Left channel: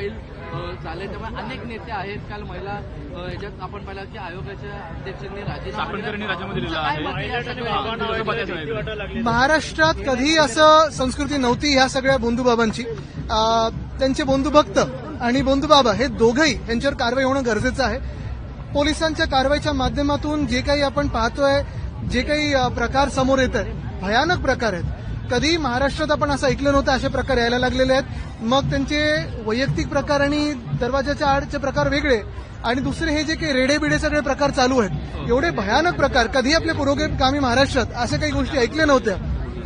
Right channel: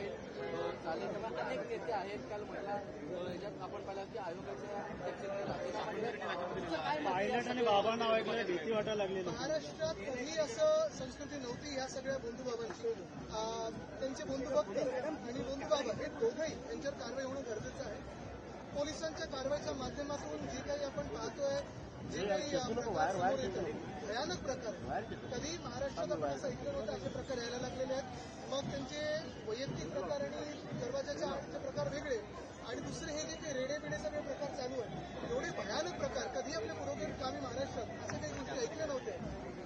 File झाले, त्यामुळे अनेक नेते आहेत. काल महिला याच्यात आपण पाहिलं की आयोगाच्या अध्यक्षांनी राजीनामा दिलेला आहे. महाराष्ट्रात कधी असं संस्कृती नव्हती ह्या सगळ्या बंधुबाबांची. त्यांचे बंधुभक्त आणि बंधुबाबा हे दोघंही यांच्यावर कारवाई होणं गरजेचं आहे. पोलिसांच्या कारवाईच्या माध्यमातून जे काही आपण पाहतोय, जे काही प्रकार समोर येत आहेत, भयानक प्रकार आहेत. कधी महाराष्ट्रात आपण असं ऐकलं नव्हतं असे प्रकार यायला लागलेले आहेत. मग त्यांचे वैयक्तिक प्रकार आणि दरवाजाच्या आडचे प्रकार वेगळे, आणि दुसरे हे जे काही रेडेबिडे सगळे प्रकार चालू आहेत, एवढे भयानक प्रकार कधी आपल्या पुरोगामी महाराष्ट्रात अशा काही गोष्टी ऐकल्या नव्हत्या.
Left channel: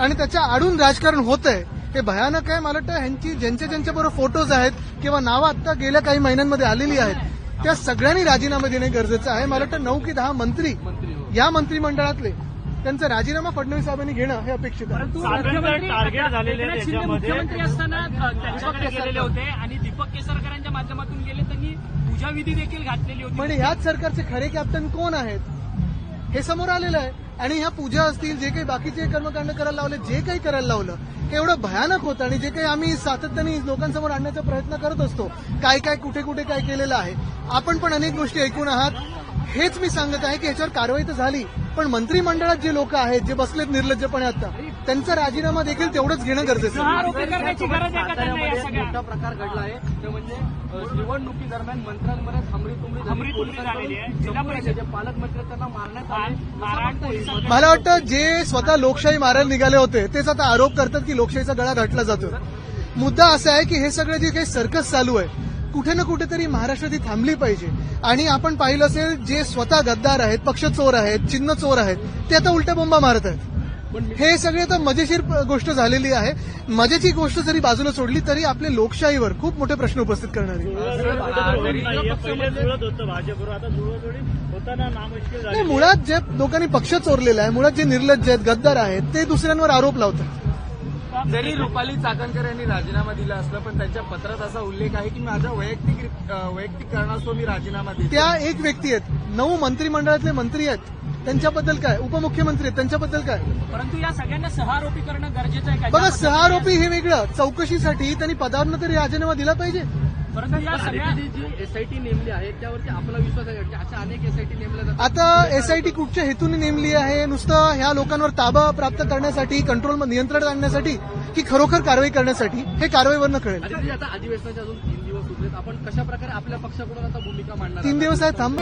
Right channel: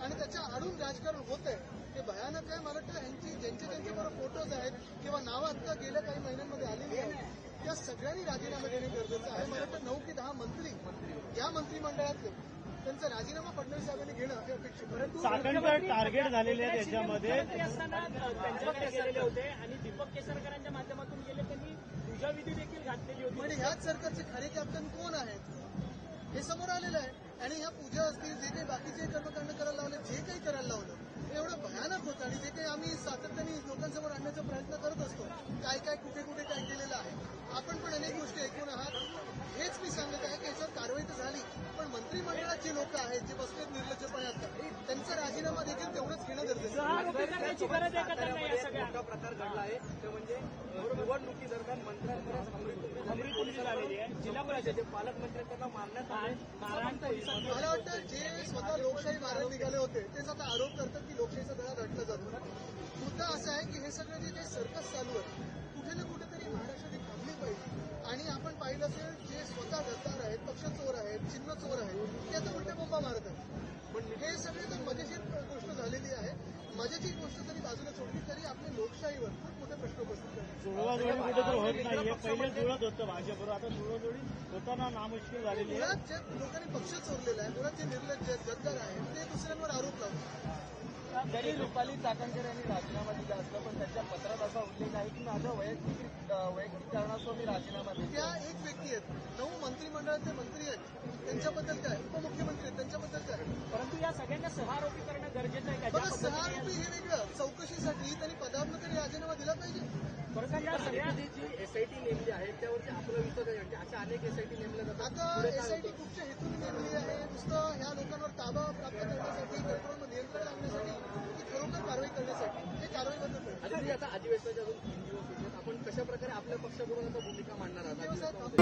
आणि त्याच्या आडून राजकारण होत आहे, हे भयानक आहे. मला वाटतं ह्यांची ज्यांच्याबरोबर फोटोज आहेत किंवा नावं आता गेल्या काही महिन्यांमध्ये आलेली आहेत, त्या सगळ्यांनी राजीनामा देणे गरजेचं आहे. मला वाटतं 9 की 10 मंत्री या मंत्रिमंडळातले त्यांचा राजीनामा फडणवीस साहेबांनी घेणं हे अपेक्षित आहे. टार्गेट झालेले मुख्यमंत्री असताना त्यांच्याकडे गेलेले होते आणि दीपक केसरकरांच्या माध्यमातून गेले, त्यांनी पूजाविधी देखील घातलेली होती. पण ह्याच सरकारचे खरे कॅप्टन कोण आहेत हे समोर आलेलं आहे. आणि ह्या पूजा असतील, जे काही बाकीचे कर्मकांड करायला लावले, जे काही करायला लावलं, हे एवढं भयानक होतं. आणि जे काही आम्ही सातत्याने लोकांसमोर आणण्याचा प्रयत्न करत असतो, काय काय कुठे कुठे काय केलेलं आहे, आपण पण अनेक गोष्टी ऐकून आहात. हेच मी सांगत आहे की याच्यावर कारवाई तर झाली, पण मंत्रिमंडळात जे लोक आहेत, जे बसलेत निर्लज्जपणे आता, त्यांचा राजीनामा देखील तेवढंच घेणं गरजेचं आहे. आरोपी करण्याची गरज आहे का त्यांना? या सगळ्या मोठा प्रकार घडला आहे, ते म्हणजे निवडणुकीदरम्यान मंत्र्यांमध्ये हमरीतुमरी झालेली आहे. जिल्हा परिषद पालकमंत्री त्यांना मारण्यात मला वाटतं जे स्वतः लोकशाही मारायला निघाले होते तेच आता आरोप करतात की लोकशाहीचा गळा घातला जातो. मुद्दा असा आहे की हे सगळं जे काही सर्कस चालू आहे, कुठे ना कुठेतरी महाराष्ट्रात ही थांबली पाहिजे. आणि आपण पाहिलं असेल, जे स्वतः गद्दार आहेत, पक्ष चोर आहेत, चिन्ह चोर आहेत, ते आता उलट्या बोंबा मारत आहेत. हे सगळे आता मजेशीर गोष्ट झालेली आहे. मजेची गोष्ट जरी बाजूला सोडली तरी आपल्या लोकशाहीवर खूप मोठे प्रश्न उपस्थित करणारी. नाही, मुळात जे लोकांनी पक्ष चोरलेला आहे, मुळात जे निर्लज्ज आहेत, गद्दार आहेत, ते दुसऱ्यांवर आरोप लावतात. जरी रुपाली चाकणकर यांनी राजीनामा दिला असला, पण त्यांच्या पत्रात असा उल्लेख आहे की माझ्या वैयक्तिक कारणास्तव मी राजीनामा दिला. त्या एक व्यक्ती आहेत, 9 मंत्रिमंडळातले मंत्री आहेत, त्यांच्याबद्दल काय, उपमुख्यमंत्री आहेत त्यांच्याबद्दल काय. परंतु या सगळ्यांना सहारोपी करणं गरजेचं आहे का? बघा, सहारोपी हे वेगळं, चौकशीसाठी त्यांनी पदावरनं तरी राजीनामा दिला पाहिजे. परंतु या सगळ्या जी एसआयटी नेमली आहे त्यावरती आपला विश्वास आहे की अशा अनेक एसआयटी नेमल्या जातात. आता एसआयटी कुठच्या हेतूने नेमली आहे? नुसतं ह्या लोकांवर ताबा प्राप्त करण्यासाठी, कंट्रोल नियंत्रण आणण्यासाठी, की खरोखर कारवाई करण्यासाठी, हे कारवाईवरनं कळेल. आता अधिवेशनाचे अजून 3 दिवस उरलेत, आपण कशा प्रकारे आपल्या पक्षाकडून आता भूमिका मांडणार? 3 दिवस आहे, थांब.